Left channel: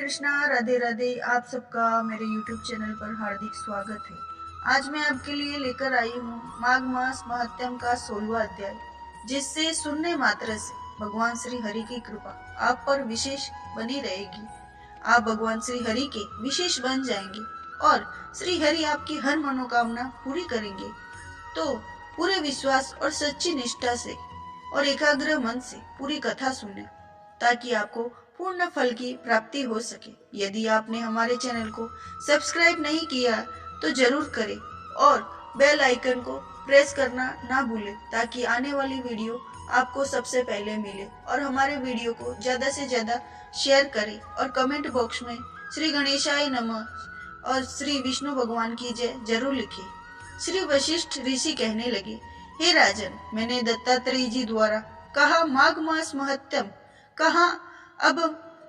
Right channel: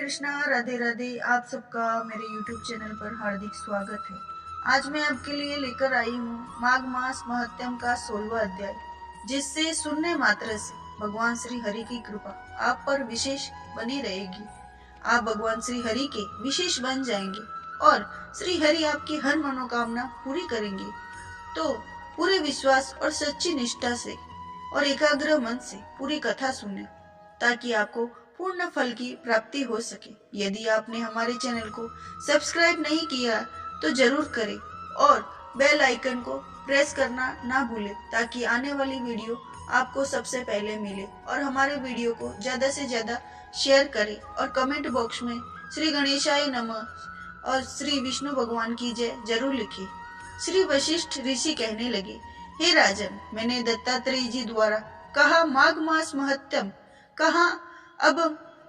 कृष्णा, राधे राधे। आप सबका मेरे YouTube चैनल पर हार्दिक स्वागत है। आज मैं आपके लिए लेकर आई हूँ माघ मास महात्म्य का 16वां अध्याय, जिससे सुनने मात्र से भगवान श्री हरि की कृपा आप पर विशेष बनी रहेगी। आप भगवान श्री हरि के विशेष बन जाएंगे और श्री हरि आपकी हर मनोकामना पूरी करेंगे। तो पूरे विश्वास और सच्ची निष्ठा से और एकाग्र मन से पूरी कथा सुने, ताकि आपको पूर्ण फल की प्राप्ति हो सके। यदि आपने हमारे चैनल को सब्सक्राइब नहीं किया तो जरूर करें और बेल आइकन को प्रेस करना ना भूलें, ताकि आने वाली वीडियो आपको सबसे पहले मिले। और हमारे वीडियो को ज्यादा से ज्यादा शेयर करें और कमेंट बॉक्स में श्री गणेशाय नमः और श्री विष्णु भगवान की जय जरूर लिखें। श्री वशिष्ठ ऋषि कहने लगे, हे राजन, मैंने दत्तात्रेय जी द्वारा कहा माघ मास महत्तम कहा, अब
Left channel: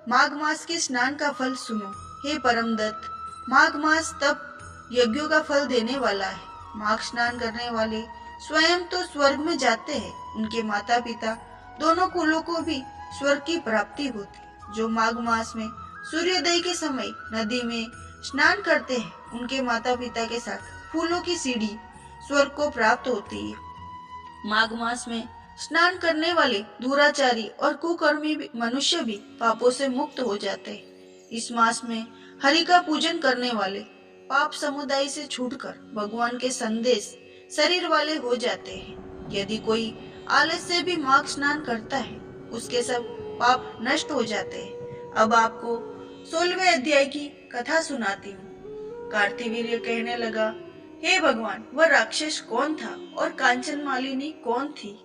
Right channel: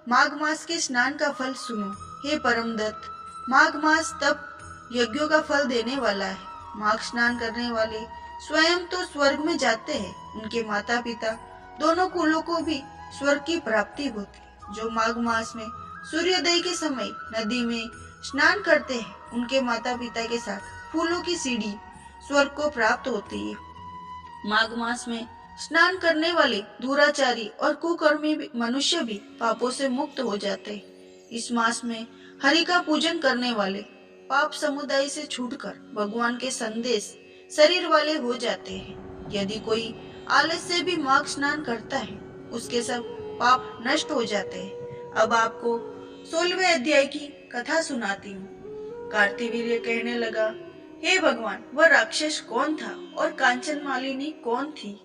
माघ मास के स्नान का फल सुनो। हे परम दत्त, माघ मास तप यज्ञों का फल देने वाला है। माघ स्नान करने वाले स्वयं तो स्वर्ग में जाते हैं, उनके माता पिता दोनों कुलों को भी स्वर्ग की प्राप्ति होती। जो माघ मास में सूर्योदय के समय नदी में स्नान करते हैं, उनके माता पिता के साथ फूलों की सीढ़ी स्वर्ग को प्राप्त होती है। माघ मास में स्नान करने वाले दुराचारी और कुकर्मी मनुष्य भी पापों से मुक्त हो जाते हैं। इस मास में हरि का पूजन करने वाले पाप समुदाय से छूटकर भगवान के संदेश शरीर वाले हो जाते हैं। यदि कोई आलस से भी माघ स्नान करता है, उसके सब पाप नष्ट हो जाते हैं। अब आपको 16वें अध्याय की कथा सुनाती हूँ। कार्तिवीर्य कहने लगा, हे भगवान, वह राक्षस कौन था और कांचन मालिनी कौन थी?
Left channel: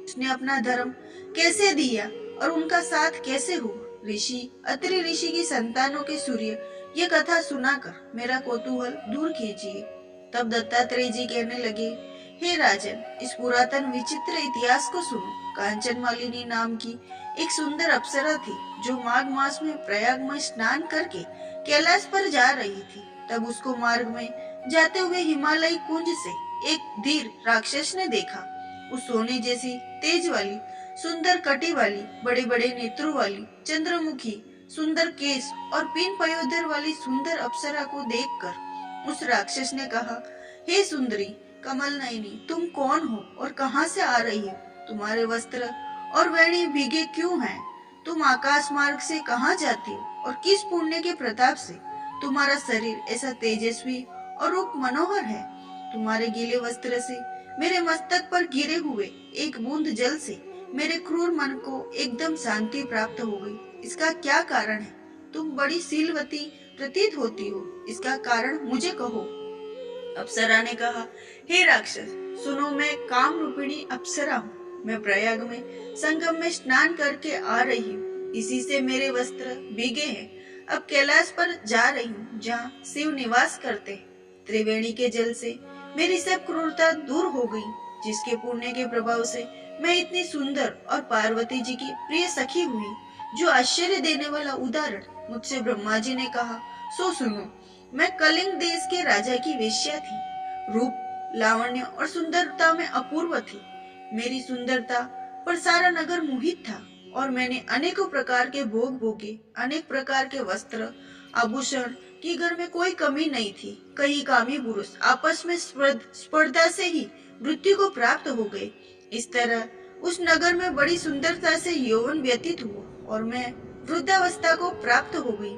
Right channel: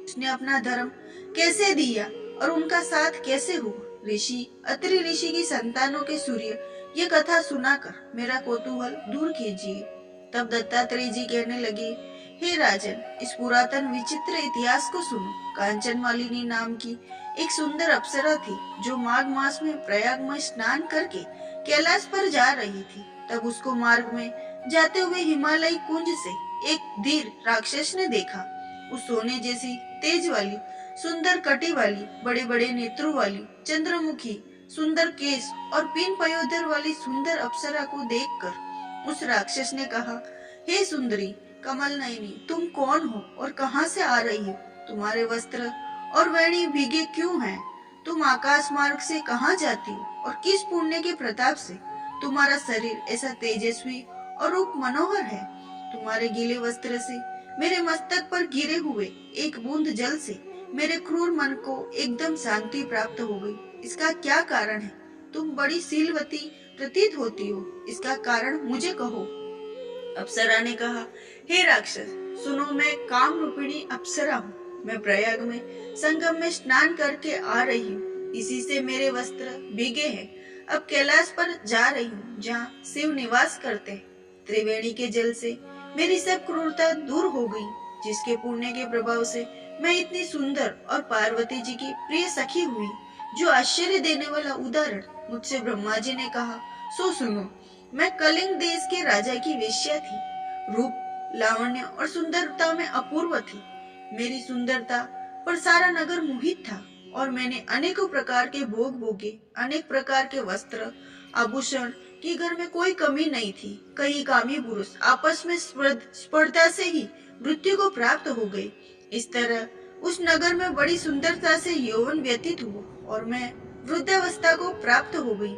उसने अपना धर्म कैसे दिया और उनका साथ कैसे हुआ? ऋषि अत्रि ऋषि की संतानों के सूर्य ये कथा सुनाकर मेरा कौतूहल दूर कीजिए। तब दत्तात्रेय जी कहने लगे, हे राजन, इस पुरातन विचित्र इतिहास को सुनो। कांचन मालिनी नाम की एक सुंदर अप्सरा थी, जो माघ मास में प्रयाग में स्नान करके कैलाश पर जा रही थी। तब उसको मार्ग में जाते हुए हिमालय कुंज से एक धीर राक्षस ने देखा। उस सोने जैसी तेज वाली, सुंदर कटी वाली, बड़े बड़े नेत्रों वाली, चंद्रमुखी, सुंदर केस और पिन पयोधर वाली सुंदर अप्सरा को देखकर उस राक्षस ने कहा, हे सुंदरी कमल नयनी, तुम कौन हो और कहां से आ रही हो? तुम्हारे वस्त्र और वेणी भीगे क्यों हैं? तुम आकाश मार्ग से कहां जाती हो और किस पुण्य के प्रताप से तुम्हारा शरीर ऐसा तेजस्वी और रूप मनोहर है? तुम्हारे गीले वस्त्र से मेरे मस्तक पर गिरे हुए एक बूंद जल से मेरे क्रूर मन को एकदम शांति प्राप्त हो गई। इसका क्या कारण है? तुम बड़ी शीलवती प्रतीत होती हो, इसका कारण मुझे कहो। अप्सरा ने कहा, हे राक्षस, सुनो, मैं काम रूपिणी अप्सरा हूँ। मैं प्रयाग में संगम में स्नान करके आ रही हूँ। इसी से मेरे वस्त्र भीगे हैं। अब कैलाश पर जा रही हूँ, जहाँ शिव निवास करते हैं। त्रिवेणी के जल से मेरी सब क्रूरता दूर हो गई, जिसके पुण्य के प्रभाव से मैं इतनी सुंदर और पार्वती जी की प्रिय सखी हुई। जो आश्चर्य देने वाला उदाहरण मुझसे ब्रह्मा जी ने कहा, सो सुनो। मैं कलिंग देश के राजा की वेश्या थी। रूप, लावण्य और सुंदरता में अपूर्व थी। मेरी सुंदरता पर सारा नगर मोहित था और मैंने अनेकों प्रकार के भोग भोगे। अनेक प्रकार के वस्त्र, आभूषण की घर में कोई कमी नहीं थी। कई कामी पुरुष आपस में स्पर्धा से ही मृत्यु को प्राप्त हो गए। इस तरह उस नगर में बड़ी सुंदरता से यौवन व्यतीत हुआ और मैं वृद्धावस्था को प्राप्त हो गई।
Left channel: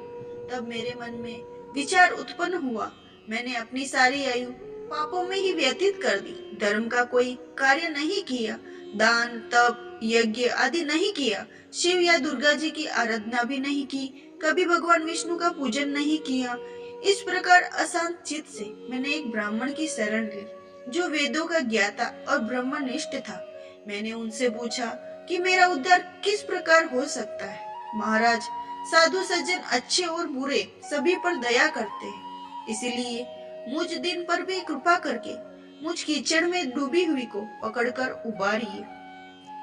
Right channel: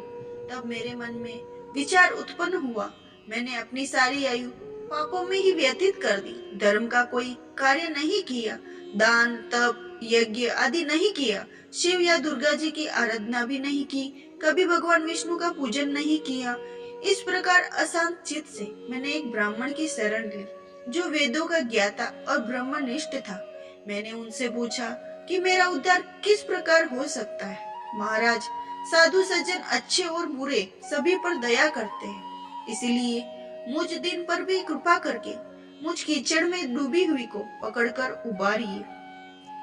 तब मेरे मन में विचार उत्पन्न हुआ, मैंने अपनी सारी आयु पापों में ही व्यतीत कर दी। धर्म का कोई कार्य नहीं किया, दान, तप, यज्ञ आदि नहीं किया, शिव या दुर्गा जी की आराधना भी नहीं की, कभी भगवान विष्णु का पूजन नहीं किया। इस प्रकार अशांत चित्त से मैंने एक ब्राह्मण की शरण ली, जो वेदों का ज्ञाता और ब्रह्मनिष्ठ था। मैंने उनसे पूछा कि मेरा उद्धार किस प्रकार हो सकता है। महाराज, साधु सज्जन अच्छे और बुरे सभी पर दया करते हैं, इसलिए मुझ दिन पर भी कृपा करके मुझ कीचड़ में डूबी हुई को पकड़कर उबारिए।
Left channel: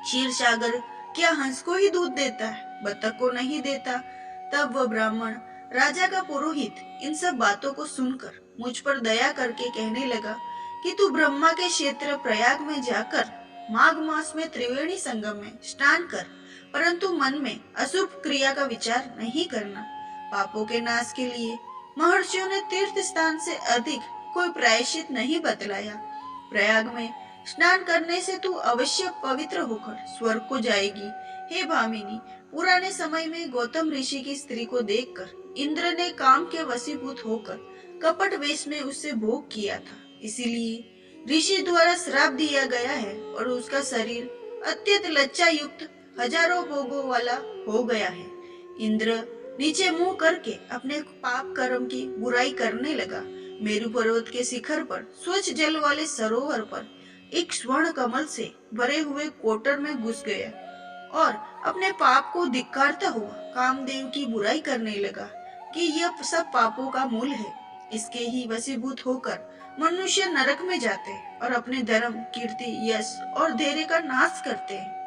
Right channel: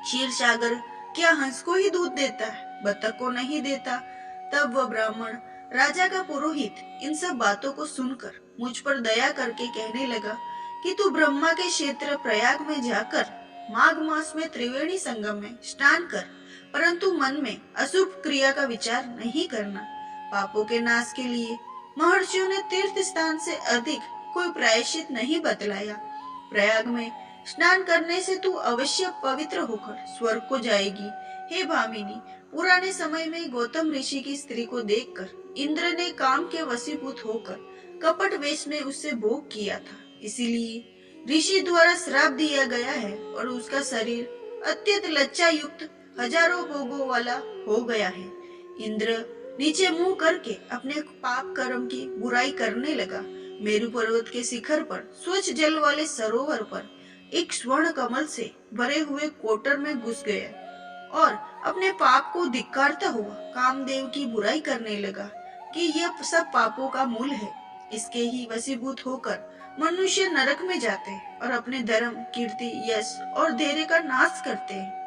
क्षीर सागर क्या हंस को ही दूध देता है, बतख को नहीं देता? तब वह ब्राह्मण, राजा का पुरोहित, इन सब बातों को सुनकर मुझ पर दया करके कहने लगा कि तू ब्रह्मा के क्षेत्र प्रयाग में जाकर माघ मास में त्रिवेणी संगम में स्नान कर, परंतु मन में अशुभ क्रिया का विचार नहीं करना। पापों के नाश के लिए महर्षियों ने तीर्थ स्थान से अधिक कोई प्रायश्चित नहीं बतलाया। प्रयाग में स्नान करने से तू अवश्य पवित्र होकर स्वर्ग को जाएगी। हे भामिनी, पुराने समय में गौतम ऋषि की स्त्री को देखकर इंद्र ने काम के वशीभूत होकर कपट वेश में उससे भोग किया था। इसीलिए ऋषि द्वारा श्राप दिया गया है और उसका शरीर अत्यंत लज्जा युक्त हजारों भोगों वाला हो गया है। इंद्र नीचे मुंह करके अपने पाप कर्म की बुराई करने लगा। मेरु पर्वत के शिखर पर स्वच्छ जल वाले सरोवर पर एक स्वर्ण कमल से भरे हुए कोटर में घुस गया और अपने पाप को धिक्कारता हुआ कामदेव की बुराई करने लगा कि यह सब पापों का मूल है। इसके ही वशीभूत होकर मनुष्य नरक में जाते हैं और अपने धर्म, कीर्ति, यश और धैर्य का नाश करते हैं।